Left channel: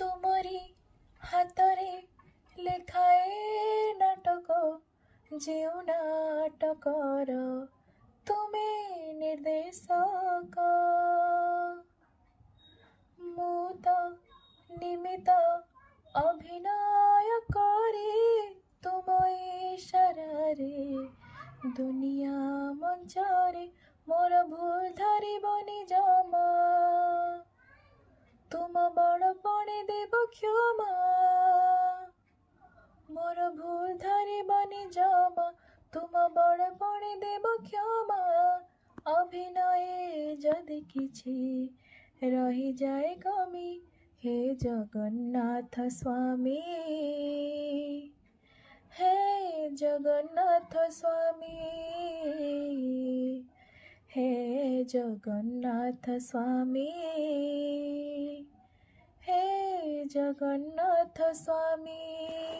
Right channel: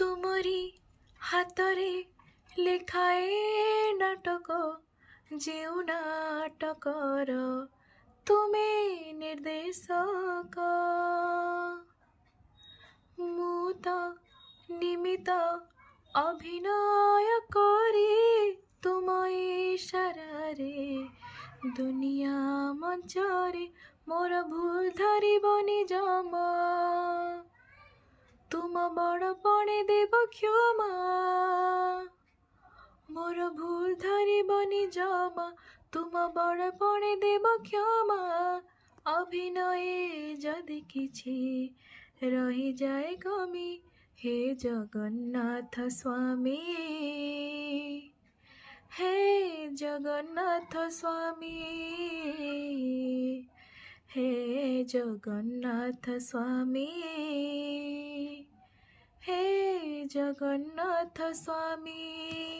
तुमरी हातरे लेखाए नाटक जेउ नाटकर तुमे निर्देशक मु तो निमित अभिनय करी तुम इशारारे दुनिया मंचरे मोर भूल धरिबनि जमा तुम बड़पणे देव क्षमा मोर भूल धरिबनि जमा तुम बड़पणे देव क्षमा अभिनये जदि किछि रही जाए कमी हे जगन्नाथ स्वामी हे जगन्नाथ स्वामी हे जगन्नाथ स्वामी हे जगन्नाथ स्वामी।